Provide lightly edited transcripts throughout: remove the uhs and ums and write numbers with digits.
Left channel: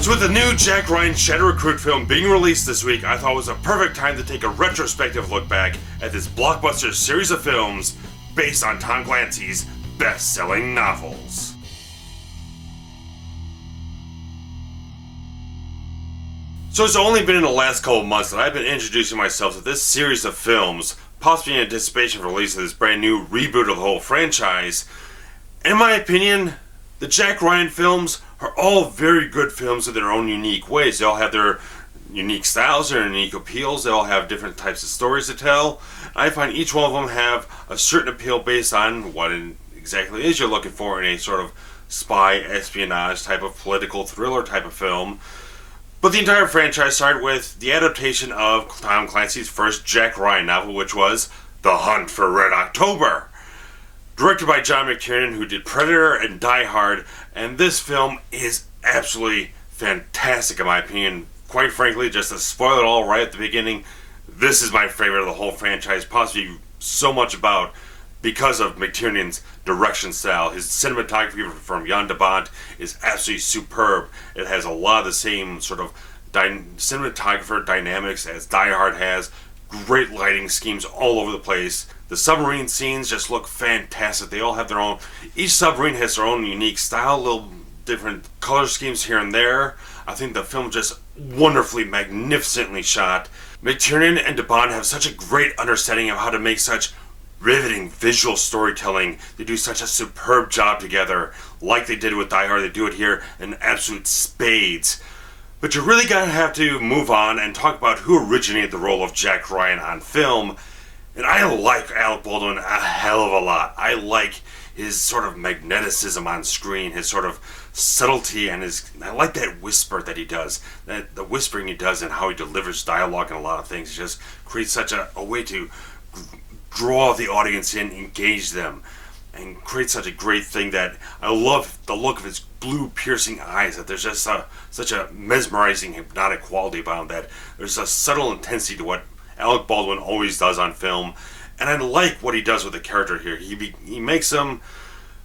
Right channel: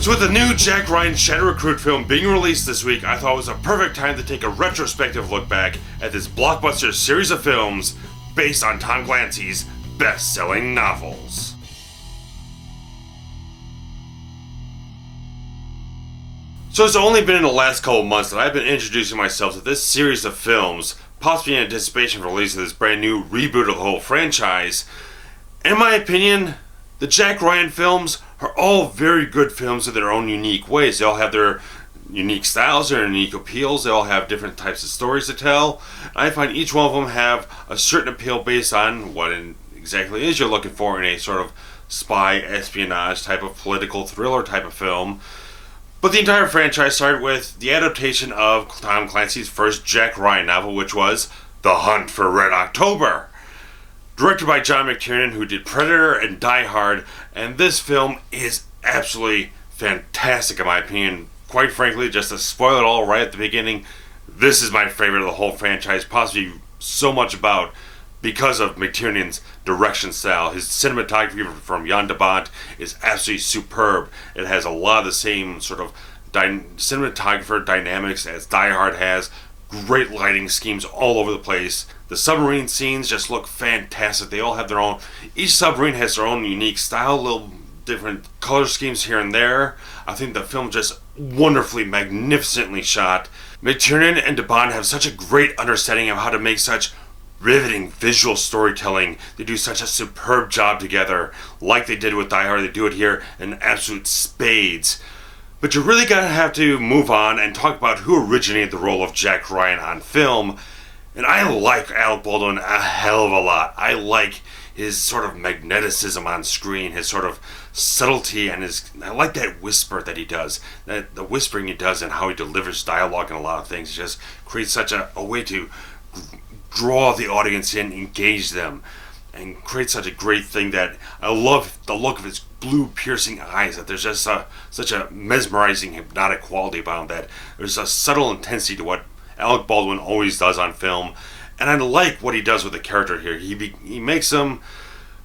So with the new Jack Ryan Shadow Recruit film being released this week, I thought it was a perfect time to take a retrospective look back at this blockbuster series of films based on Tom Clancy's best-selling novels. So it's only been in the last couple of months that I've been introducing myself to this series of films, possibly in anticipation for release of this brand new reboot of the whole franchise. And in my opinion, the Jack Ryan films are all very good films in their own unique ways. They all have their unique styles, their unique appeals. They all have different types of stories to tell. I find each one of them have a certain appeal based on what it exactly is you're looking for in a sort of spy, espionage type of political thriller type of film. But the entire franchise started with the adaptation of Tom Clancy's first Jack Ryan novel, which was The Hunt for Red October. Directed by John McTiernan, who did Predator and Die Hard, and this film is absolutely fantastic in my opinion. Quite frankly, just to spoil it all right at the beginning, this is my favorite of the whole franchise, possibly so much about because of McTiernan's direction style. His cinematography from Jan de Bont is absolutely superb. It has a lot of the same sort of cinematographer dynamics as Die Hard has. Great lighting schemes all over the place. The submarine scenes just look fantastic. They all have their own, each submarine has their own unique style, little different color schemes here and there. I think the film just wonderfully, magnificently shot. McTiernan and de Bont have such a great understanding of how to make such riveting visual storytelling. They do such a superb job together. Like they did with Die Hard, they do it here in absolute spades. But you really gotta have to move on and talk about who originated the role of Jack Ryan on film. And I like Alec Baldwin a hell of a lot. I like his sort of magneticism on screen, his sort of subtlety, and I like that whisper that he does, the whispering he does and how he delivers dialogue and a lot of things. It just creates such a way to draw the audience in, engage them, and create such a great thing that I love the look of his blue piercing eyes, that there's just such a mesmerizing hypnotic quality about him, that there's a subtle intensity to what Alec Baldwin always does on film. And I like what he does with the character here. He makes him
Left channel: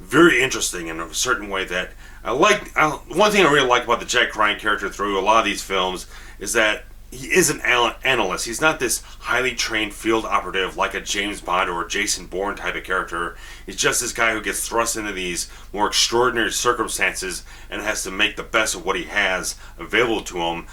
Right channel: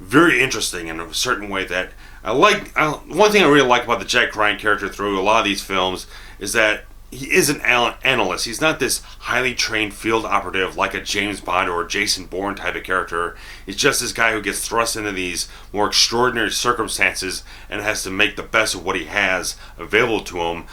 very interesting in a certain way that I like. One thing I really like about the Jack Ryan character through a lot of these films is that he is an analyst. He's not this highly trained field operative like a James Bond or a Jason Bourne type of character. He's just this guy who gets thrust into these more extraordinary circumstances and has to make the best of what he has available to him.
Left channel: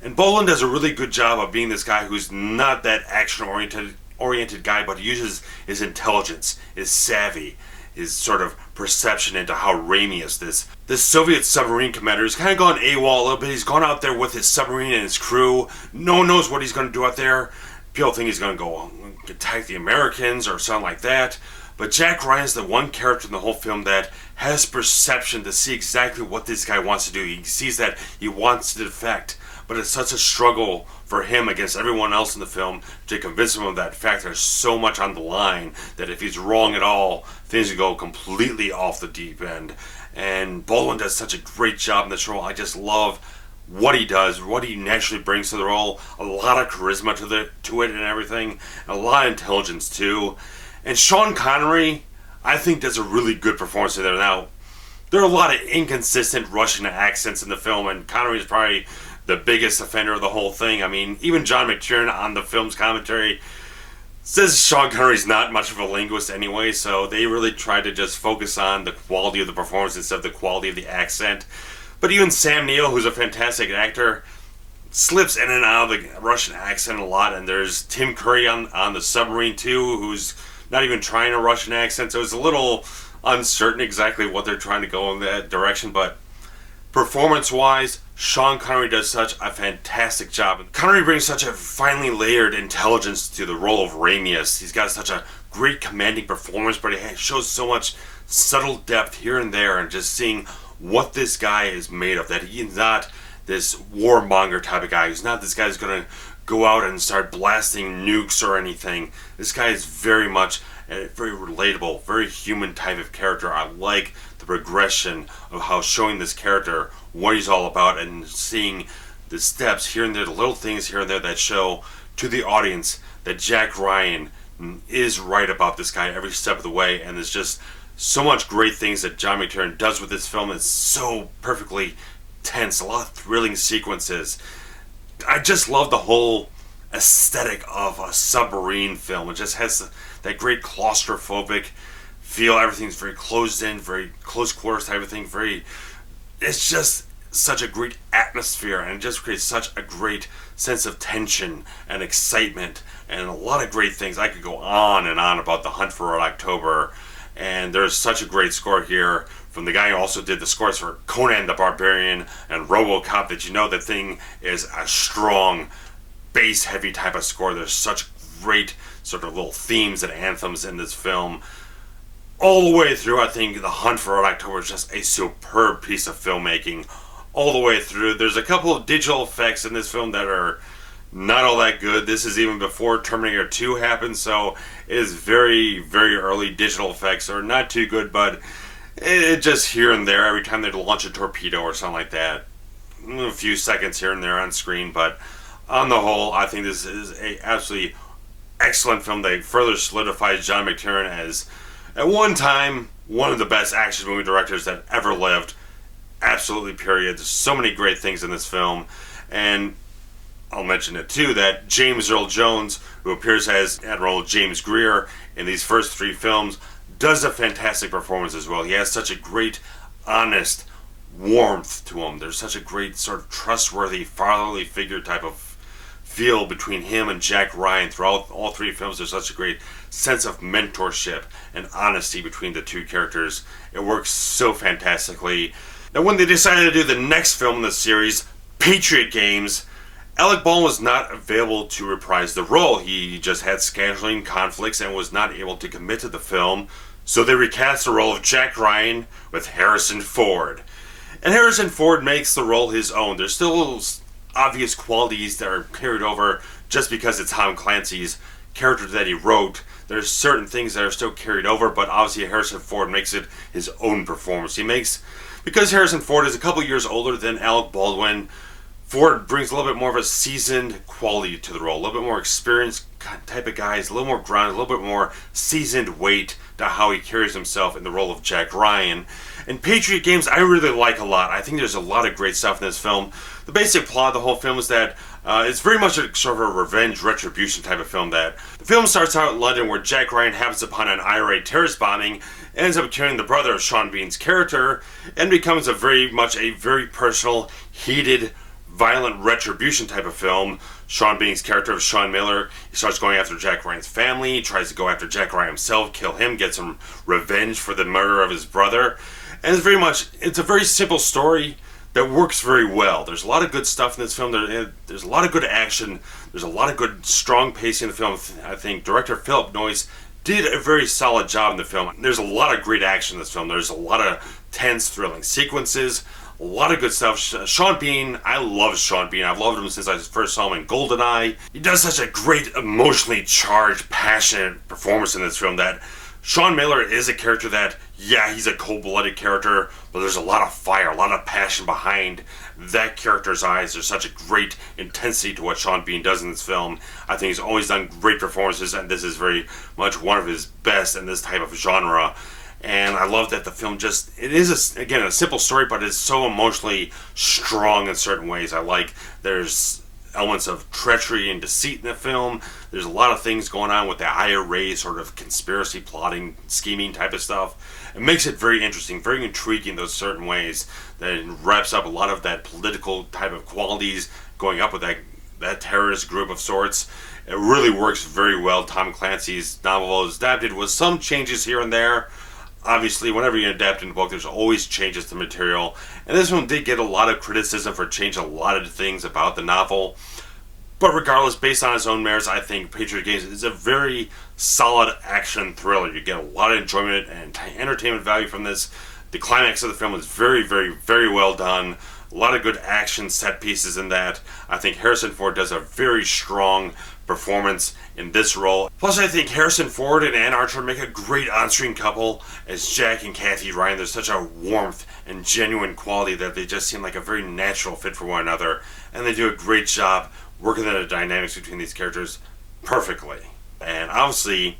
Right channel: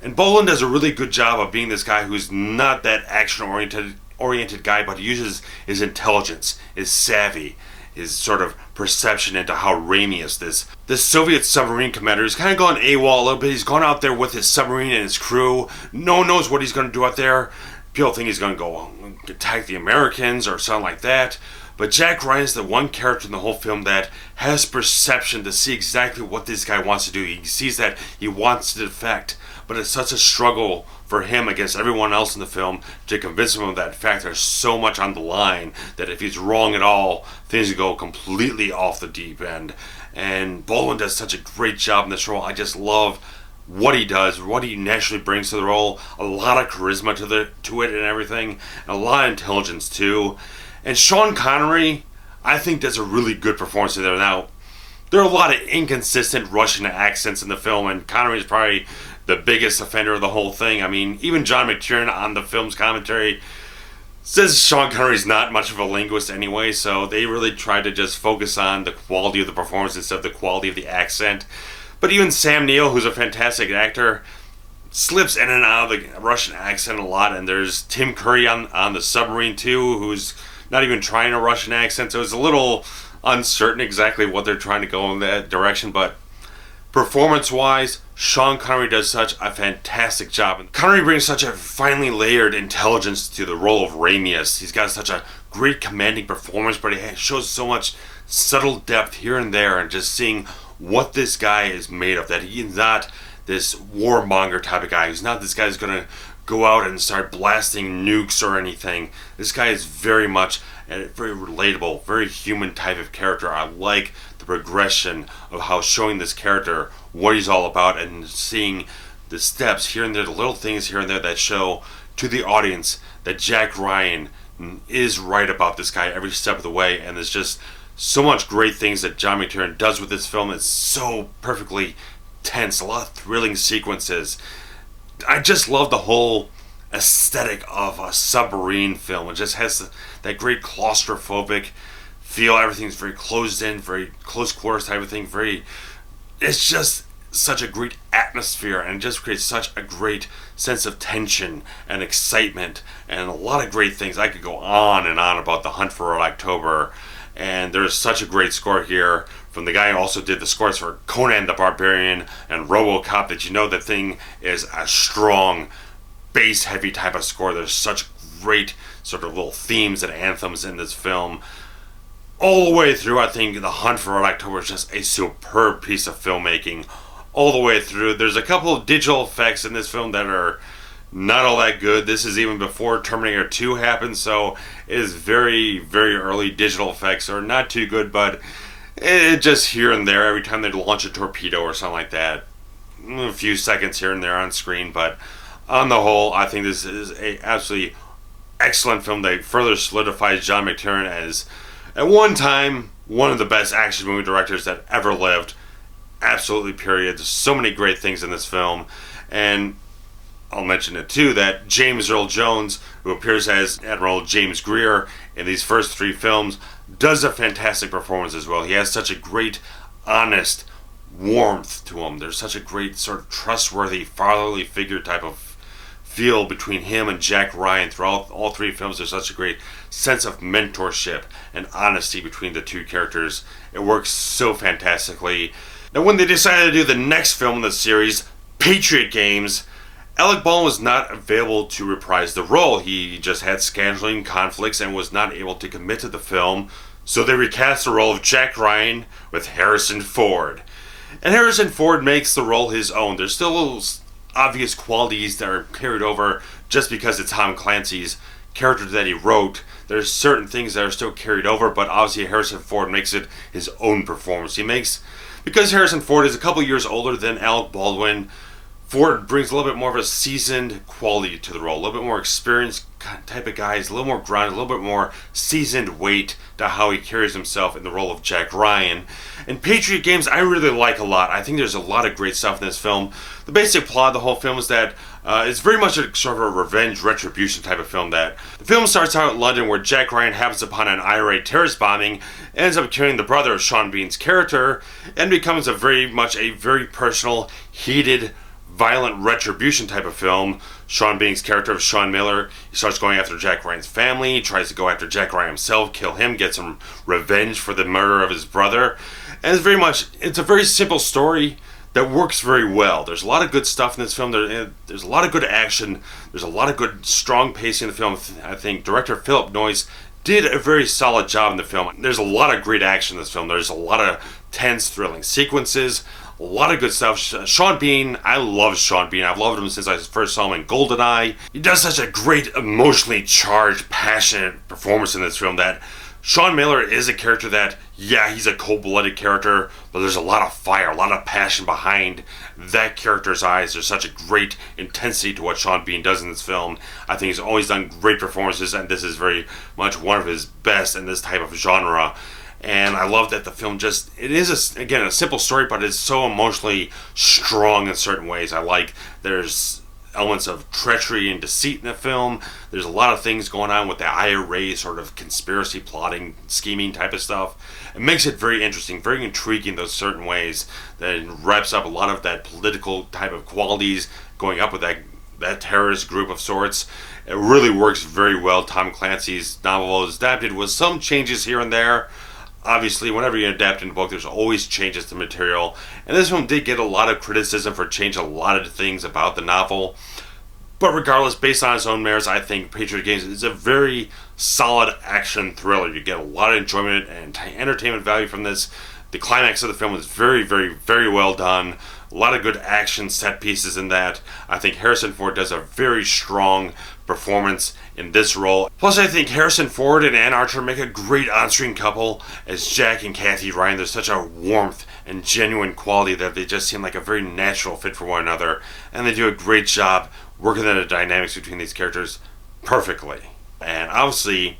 And Baldwin does a really good job of being this guy who's not that action-oriented guy, but he uses his intelligence, his savvy, his sort of perception into how Ramius, this Soviet submarine commander, is kind of gone AWOL a little bit. He's gone out there with his submarine and his crew. No one knows what he's going to do out there. People think he's going to go attack the Americans or something like that. But Jack Ryan's the one character in the whole film that has perception to see exactly what this guy wants to do. He sees that he wants to defect, but it's such a struggle for him against everyone else in the film to convince him of that fact. There's so much on the line that if he's wrong at all, things will go completely off the deep end. And Baldwin does such a great job in this role. I just love what he does, what he naturally brings to the role. A lot of charisma to it and everything, and a lot of intelligence too. And Sean Connery, I think, does a really good performance in there. Now, there are a lot of inconsistent Russian accents in the film, and Connery is probably the biggest offender of the whole thing. I mean, even John McTiernan on the film's commentary says Sean Connery's not much of a linguist anyway, so they really tried to just focus on the quality of the performance instead of the quality of the accent. But even Sam Neill, who's a fantastic actor, slips in and out of the Russian accent a lot, and there's Tim Curry on the submarine too, who's not even trying a Russian accent, so it's a little uncertain exactly what they're trying to go in that direction. But performance-wise, Sean Connery does such a fantastic job. And Connery brings such a finely layered intelligence to the role of Ramius. He's got such a great commanding performance, but he shows so much subtle depth here and there, and just seeing what this guy is made of, that he's not this warmonger type of guy. He's not this guy who's going to go out and start blasting nukes or anything. This guy is very much a very relatable, very human type of character. I like the progression of how showing this character what he's all about, and seeing the steps here and there, the little things here and there that show to the audience that Jack Ryan is right about this guy every step of the way. And there's just so much great things that John McTiernan does with this film. It's so perfectly tense, a lot of thrilling sequences. I just love the whole aesthetic of a submarine film. It just has that great claustrophobic feel. Everything's very closed in, very close quarters type of thing. It's just such a great atmosphere, and it just creates such a great sense of tension and excitement and a lot of great things. I could go on and on about The Hunt for Red October, and there's such a great score here from the guy who also did the scores for Conan the Barbarian and RoboCop, that you know the thing is a strong bass heavy type of score. There's such great sort of little themes and anthems in this film all the way through. I think The Hunt for Red October is just a superb piece of filmmaking all the way through. There's a couple of digital effects in this film that are not all that good. This is even before Terminator 2 happened, so it is very, very early digital effects are not too good, but it just here and there every time they launch a torpedo or something like that. A few seconds here and there on screen, but on the whole, I think this is a absolutely excellent film that further solidifies John McTiernan as, at one time, one of the best action movie directors that ever lived. Absolutely, period. There's so many great things in this film, and I'll mention it too that James Earl Jones, who appears as Admiral James Greer in these first three films, does a fantastic performance as well. He has such a great, honest warmth to him. There's such a great sort of trustworthy fatherly figure type of feel between him and Jack Ryan throughout all three films. There's such a great sense of mentorship and honesty between the two characters. It works so fantastically. Now, when they decided to do the next film in the series, Patriot Games, Alec Baldwin was not available to reprise the role. He just had scheduling conflicts and was not able to commit to the film, so they recast the role of Jack Ryan with Harrison Ford. And Harrison Ford makes the role his own. There's still obvious qualities that are carried over just because it's Tom Clancy's character that he wrote. There's certain things that are still carried over, but obviously Harrison Ford makes it his own performance. Because Harrison Ford is a couple years older than Alec Baldwin, Ford brings a little bit more of a seasoned quality to the role, a little bit more experienced type of guys, a little more grounded, a little bit more seasoned weight to how he carries himself in the role of Jack Ryan. And Patriot Games I really like a lot. I think there's a lot of great stuff in this film. The basic plot of the whole film is that it's very much a sort of a revenge retribution type of film. That the film starts out in London, where Jack Ryan happens upon an IRA terrorist bombing, ends up killing the brother of Sean Bean's character, and becomes a very personal, heated, violent retribution type of film. Sean Bean's character of Sean Miller, he starts going after Jack Ryan's family, he tries to go after Jack Ryan himself, kill him, get some revenge for the murder of his brother. And it's a very simple story that works very well. There's a lot of good stuff in this film. There's a lot of good action. There's a lot of good, strong pacing in the film. I think director Philip Noyce did a very solid job in the film. There's a lot of great action in this film. There's a lot of tense, thrilling sequences. A lot of good stuff. Sean Bean, I love Sean Bean. I've loved him since I first saw him in GoldenEye. He does such a great, emotionally charged, passionate performance in this film that Sean Miller is a character that, yeah, he's a cold-blooded character, but there's a lot of fire, a lot of passion behind that character's eyes. There's such a great intensity to what Sean Bean does in this film. I think he's always done great performances, and this is very much one of his best in this type of genre. And I love that the film it is, again, a simple story, but it's so emotionally strong in certain ways. There's elements of treachery and deceit in the film. There's a lot of things going on with the IRA sort of conspiracy, plotting, scheming type of stuff. It makes it very interesting, very intriguing, those certain ways. That wraps up a lot of that political type of qualities going up with that terrorist group of sorts. It really works very well. Tom Clancy's novel is adapted with some changes here and there. Obviously, whenever you adapt in a book, there's always changes to material. And this one did get a lot of criticism for changing a lot of things about the novel. But regardless, based on its own merits, I think Patriot Games is a very solid action thriller. You get a lot of enjoyment and entertainment value from this. The climax of the film is very, very, very well done. A lot of good action set pieces in that. I think Harrison Ford does a very strong performance in this role. Plus, I think Harrison Ford and Anne Archer make a great on-screen couple as Jack and Kathy Ryan. There's such a warmth and genuine quality that they just seem like a very natural fit for one another, and they do a great job working on the dynamics between these characters perfectly. And obviously,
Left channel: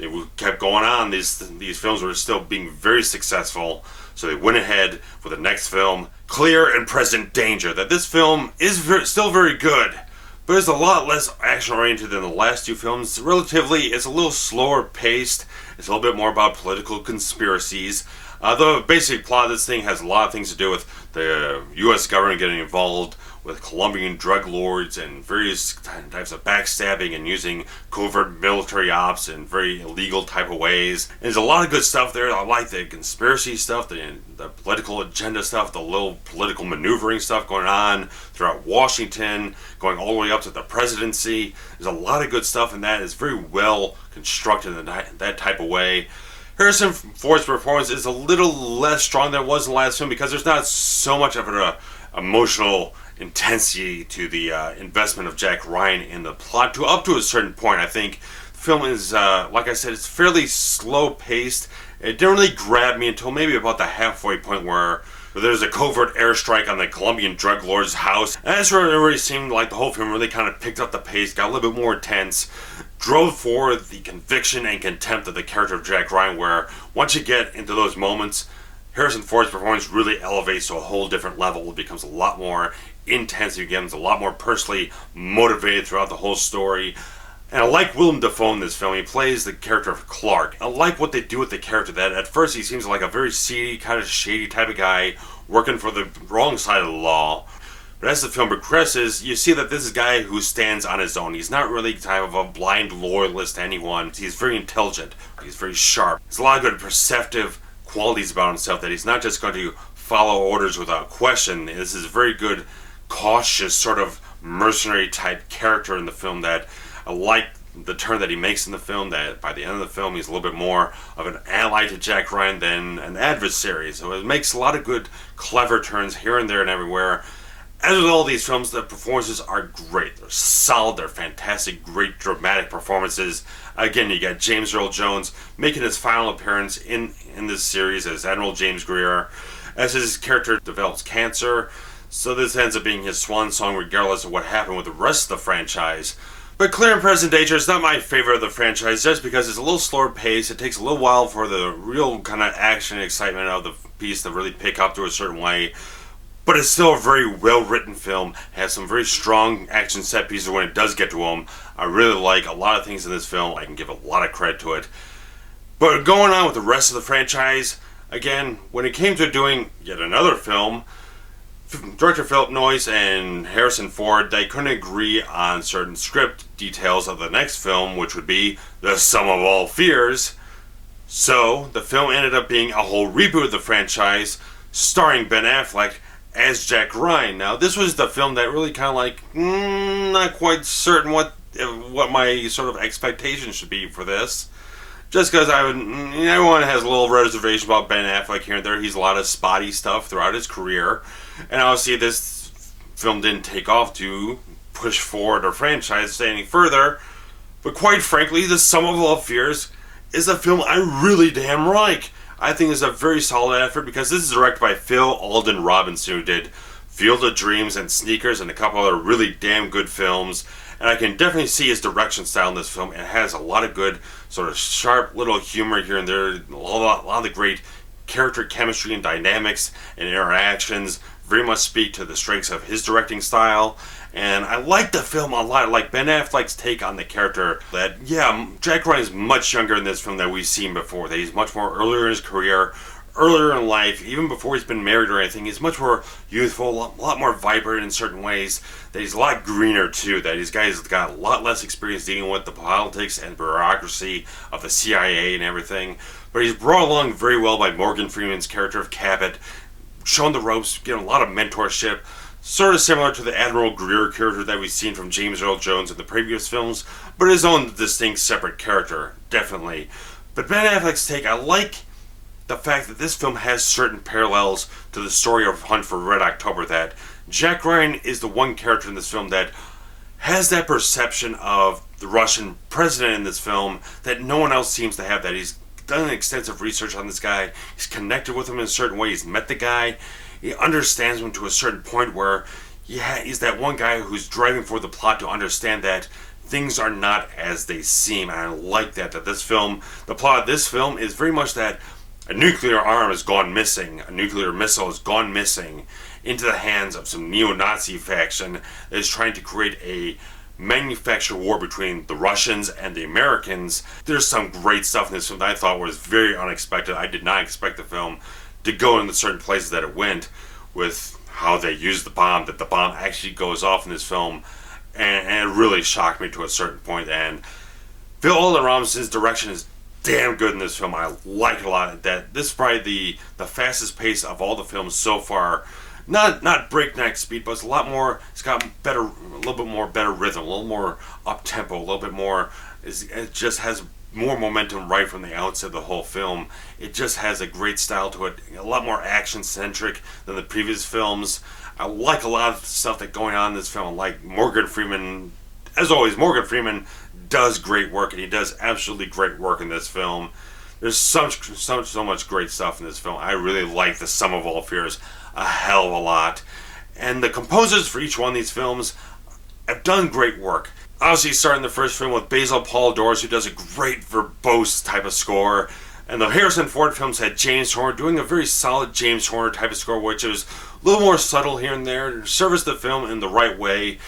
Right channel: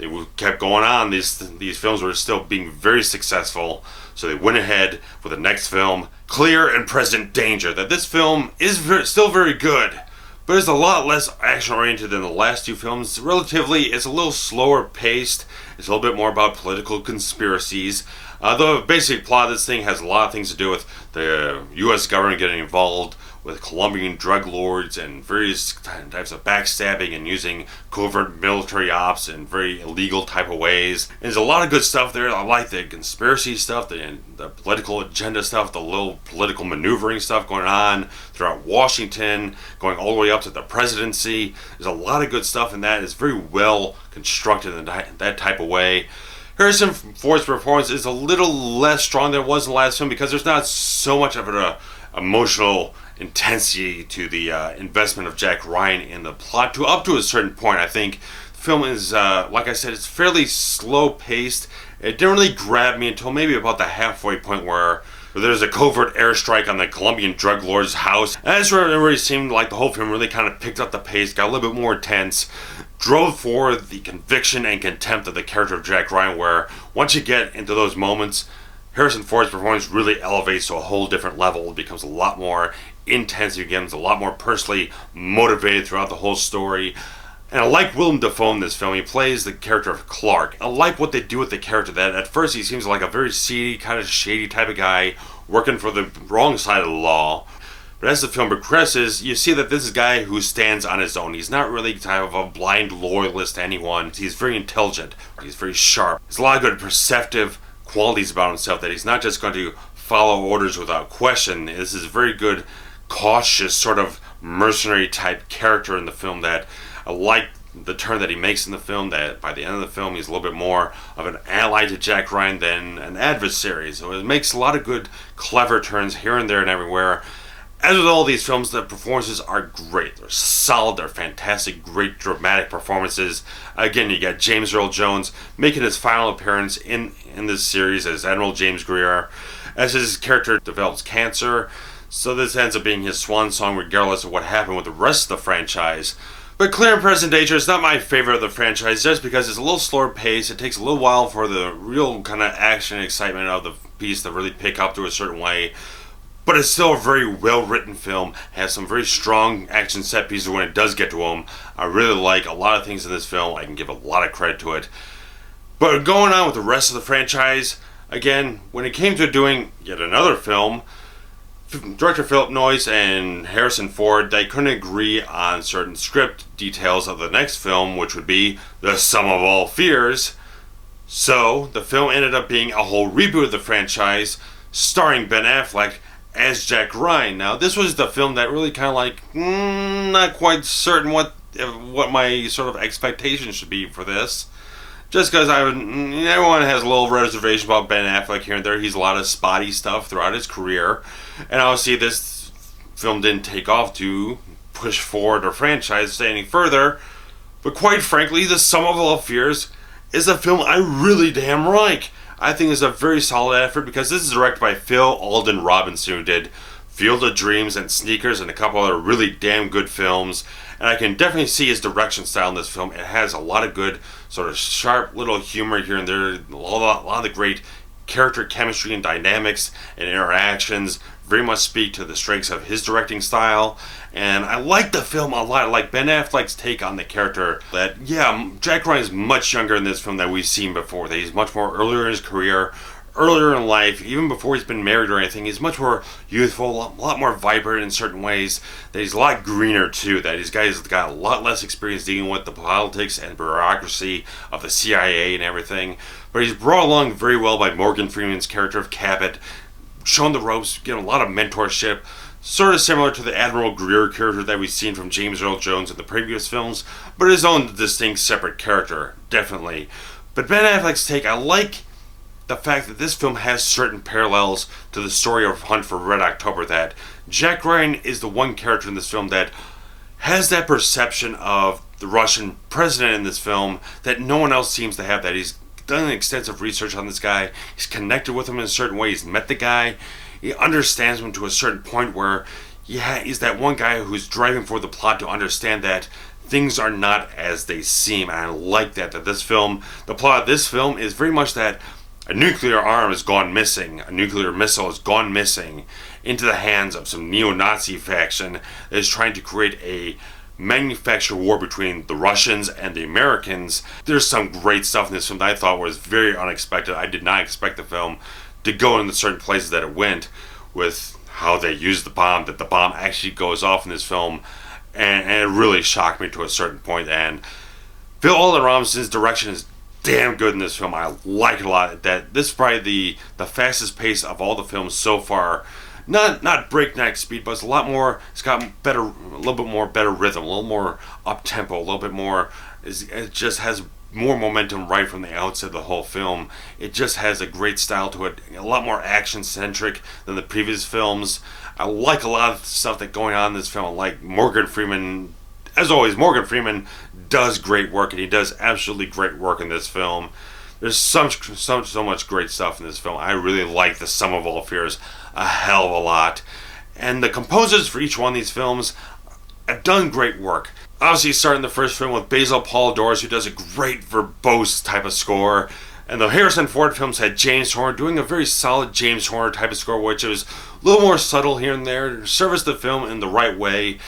they kept going on. These films were still being very successful, so they went ahead with the next film, Clear and Present Danger. That this film is still very good, but it's a lot less action-oriented than the last two films. Relatively, it's a little slower paced. It's a little bit more about political conspiracies. The basic plot of this thing has a lot of things to do with the U.S. government getting involved with Colombian drug lords and various types of backstabbing and using covert military ops in very illegal type of ways. And there's a lot of good stuff there. I like the conspiracy stuff, the political agenda stuff, the little political maneuvering stuff going on throughout Washington, going all the way up to the presidency. There's a lot of good stuff in that. It's very well constructed in that type of way. Harrison Ford's performance is a little less strong than it was in the last film because there's not so much of an emotional intensity to the investment of Jack Ryan in the plot. Up to a certain point, I think the film is, like I said, it's fairly slow paced. It didn't really grab me until maybe about the halfway point where there's a covert airstrike on the Colombian drug lord's house. And that's where it really seemed like the whole film really kind of picked up the pace, got a little bit more intense, drove forward the conviction and contempt of the character of Jack Ryan, where once you get into those moments, Harrison Ford's performance really elevates to a whole different level. It becomes a lot more intense. He becomes a lot more personally motivated throughout the whole story. And I like Willem Dafoe in this film. He plays the character of Clark. I like what they do with the character. That at first he seems like a very seedy, kind of shady type of guy working for the wrong side of the law. But as the film progresses, you see that this is a guy who stands on his own. He's not really kind of a blind loyalist to anyone. He's very intelligent. He's very sharp. There's a lot of good perceptive qualities about himself, that he's not just going to follow orders without question. This is a very good, cautious, sort of mercenary type character in the film. That I like the turn that he makes in the film, that by the end of the film he's a little bit more of an ally to Jack Ryan than an adversary. So it makes a lot of good, clever turns here and there and everywhere. As with all these films, the performances are great. They're solid, they're fantastic, great dramatic performances. Again, you got James Earl Jones making his final appearance in this series as Admiral James Greer, as his character develops cancer. So this ends up being his swan song regardless of what happened with the rest of the franchise. But Clear and Present Danger is not my favorite of the franchise just because it's a little slower pace. It takes a little while for the real kind of action and excitement of the piece to really pick up to a certain way. But it's still a very well-written film. It has some very strong action set pieces when it does get to them. I really like a lot of things in this film. I can give a lot of credit to it. But going on with the rest of the franchise, again, when it came to doing yet another film, director Philip Noyce and Harrison Ford, they couldn't agree on certain script details of the next film, which would be The Sum of All Fears. So, the film ended up being a whole reboot of the franchise, starring Ben Affleck as Jack Ryan. Now, this was the film that really kind of like, not quite certain what my sort of expectations should be for this. Just because everyone has a little reservation about Ben Affleck here and there. He's a lot of spotty stuff throughout his career. And obviously this film didn't take off to push forward our franchise any further. But quite frankly, The Sum of All Fears is a film I really damn like. I think it's a very solid effort because this is directed by Phil Alden Robinson, who did Field of Dreams and Sneakers and a couple other really damn good films. And I can definitely see his direction style in this film. It has a lot of good, sort of sharp little humor here and there. A lot of the great character chemistry and dynamics and interactions very much speak to the strengths of his directing style. And I like the film a lot. I like Ben Affleck's take on the character. That, yeah, Jack Ryan is much younger in this film than we've seen before. That he's much more earlier in his career, earlier in life, even before he's been married or anything. He's much more youthful, a lot more vibrant in certain ways. That he's a lot greener too. That these guys got a lot less experience dealing with the politics and bureaucracy of the CIA and everything. But he's brought along very well by Morgan Freeman's character of Cabot, shown the ropes, getting a lot of mentorship. Sort of similar to the Admiral Greer character that we've seen from James Earl Jones in the previous films, but his own distinct separate character, definitely. But Ben Affleck's take, I like the fact that this film has certain parallels to the story of Hunt for Red October, that Jack Ryan is the one character in this film that has that perception of the Russian president in this film that no one else seems to have. That he's done extensive research on this guy, he's connected with him in a certain way, he's met the guy, he understands him to a certain point where he's that one guy who's driving for the plot to understand that things are not as they seem, and I like that this film, the plot of this film is very much that a nuclear arm has gone missing, a nuclear missile has gone missing into the hands of some neo-Nazi faction that is trying to create a manufactured war between the Russians and the Americans. There's some great stuff in this film that I thought was very unexpected. I did not expect the film to go into certain places that it went, with how they used the bomb, that the bomb actually goes off in this film, and it really shocked me to a certain point. And Phil Robinson's direction is damn good in this film. I like it a lot. That this is probably the fastest pace of all the films so far. Not breakneck speed, but it's a lot more. It's got a little bit more better rhythm, a little more up tempo, a little bit more. It just has more momentum right from the outset of the whole film. It just has a great style to it, a lot more action centric than the previous films. I like a lot of stuff that's going on in this film. I like Morgan Freeman. As always, Morgan Freeman does great work, and he does absolutely great work in this film. There's so much great stuff in this film. I really like The Sum of All Fears a hell of a lot. And the composers for each one of these films have done great work. Obviously, starting the first film with Basil Paul Doris, who does a great verbose type of score. And the Harrison Ford films had James Horner doing a very solid James Horner type of score, which was a little more subtle here and there to service the film in the right way.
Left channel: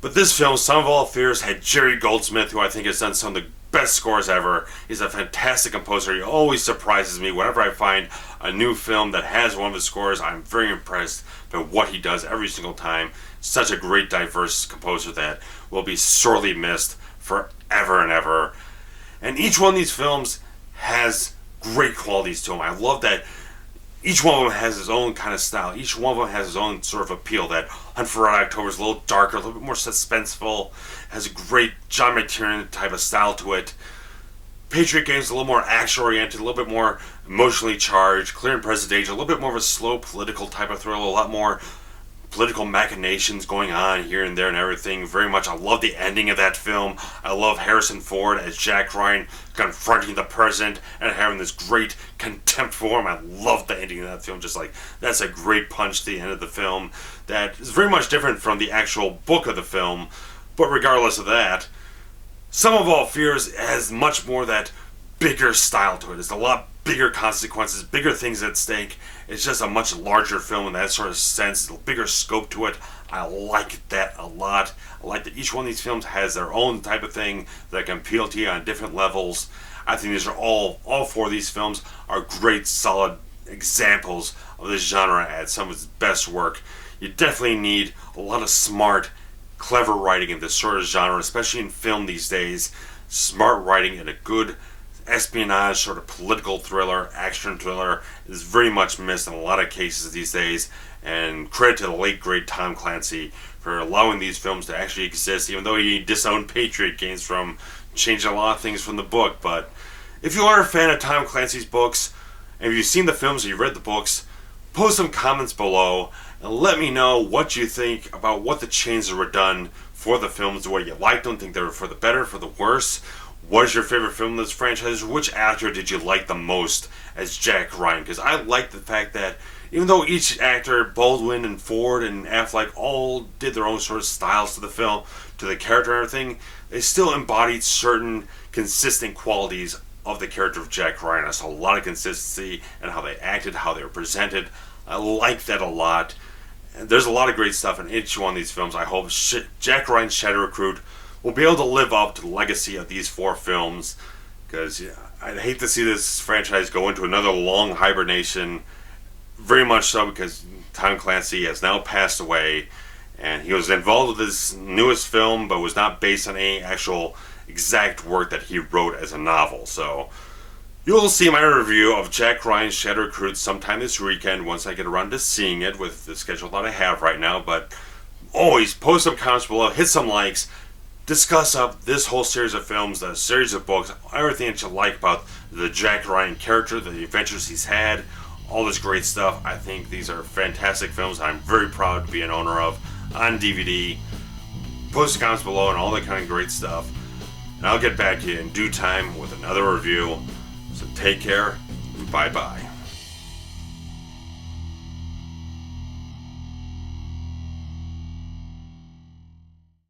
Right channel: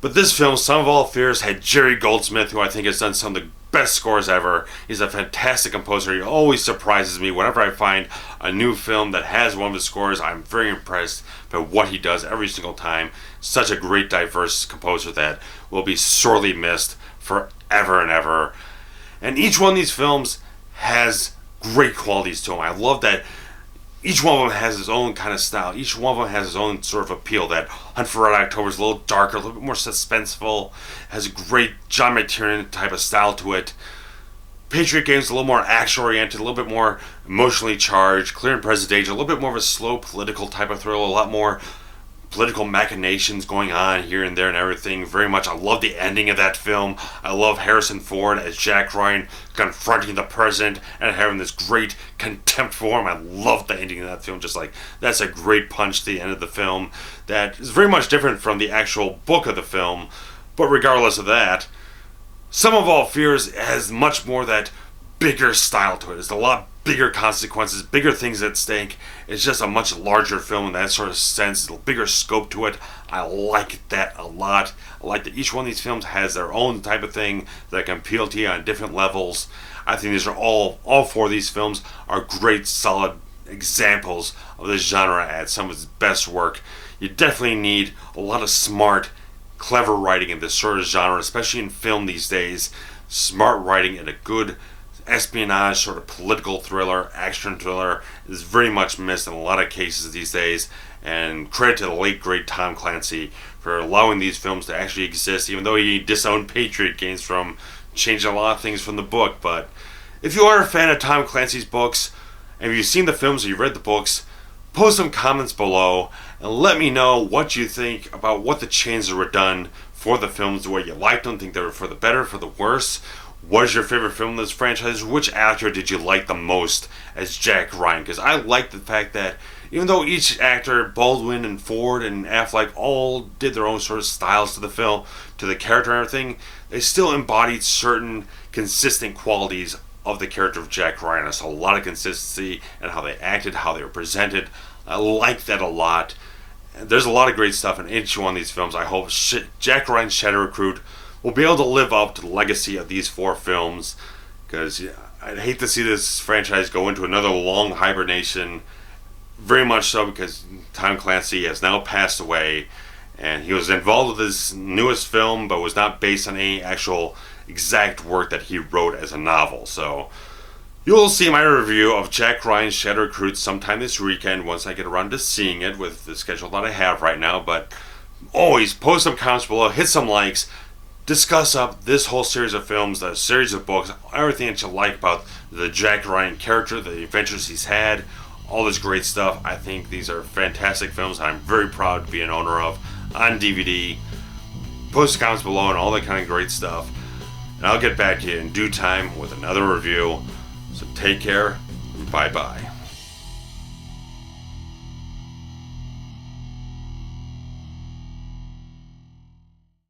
But this film, Sum of All Fears, had Jerry Goldsmith, who I think has done some of the best scores ever. He's a fantastic composer. He always surprises me whenever I find a new film that has one of his scores. I'm very impressed by what he does every single time. Such a great, diverse composer that will be sorely missed forever and ever. And each one of these films has great qualities to them. I love that each one of them has his own kind of style. Each one of them has his own sort of appeal. That Hunt for Red October is a little darker, a little bit more suspenseful, has a great John McTiernan type of style to it. Patriot Games is a little more action-oriented, a little bit more emotionally charged. Clear and Present Danger, a little bit more of a slow political type of thriller, a lot more political machinations going on here and there and everything. Very much, I love the ending of that film. I love Harrison Ford as Jack Ryan confronting the president and having this great contempt for him. I love the ending of that film. Just like, that's a great punch to the end of the film that is very much different from the actual book of the film. But regardless of that, Sum of All Fears has much more that bigger style to it. It's a lot bigger consequences, bigger things at stake. It's just a much larger film in that sort of sense. A bigger scope to it. I like that a lot. I like that each one of these films has their own type of thing that can appeal to you on different levels. I think these are all four of these films are great, solid examples of this genre at some of its best work. You definitely need a lot of smart, clever writing in this sort of genre, especially in film these days. Smart writing and a good espionage, sort of political thriller, action thriller is very much missed in a lot of cases these days. And credit to the late great Tom Clancy for allowing these films to actually exist, even though he disowned Patriot Games from changing a lot of things from the book. But if you are a fan of Tom Clancy's books, and if you've seen the films or you've read the books, post some comments below and let me know what you think about what the changes were done for the films, what you liked them, think they were for the better, for the worse. What is your favorite film in this franchise? Which actor did you like the most as Jack Ryan? Because I like the fact that even though each actor, Baldwin and Ford and Affleck, all did their own sort of styles to the film, to the character and everything, they still embodied certain consistent qualities of the character of Jack Ryan. I saw a lot of consistency in how they acted, how they were presented. I like that a lot. And there's a lot of great stuff in each one of these films. I hope Jack Ryan's Shadow Recruit will be able to live up to the legacy of these four films, because I'd hate to see this franchise go into another long hibernation, very much so because Tom Clancy has now passed away, and he was involved with his newest film, but was not based on any actual exact work that he wrote as a novel. So you'll see my review of Jack Ryan's Shadow Recruit sometime this weekend once I get around to seeing it with the schedule that I have right now. But always post some comments below, hit some likes, discuss up this whole series of films, the series of books, everything that you like about the Jack Ryan character, the adventures he's had, all this great stuff. I think these are fantastic films I'm very proud to be an owner of on DVD. Post comments below and all that kind of great stuff. And I'll get back to you in due time with another review. So take care. Bye-bye.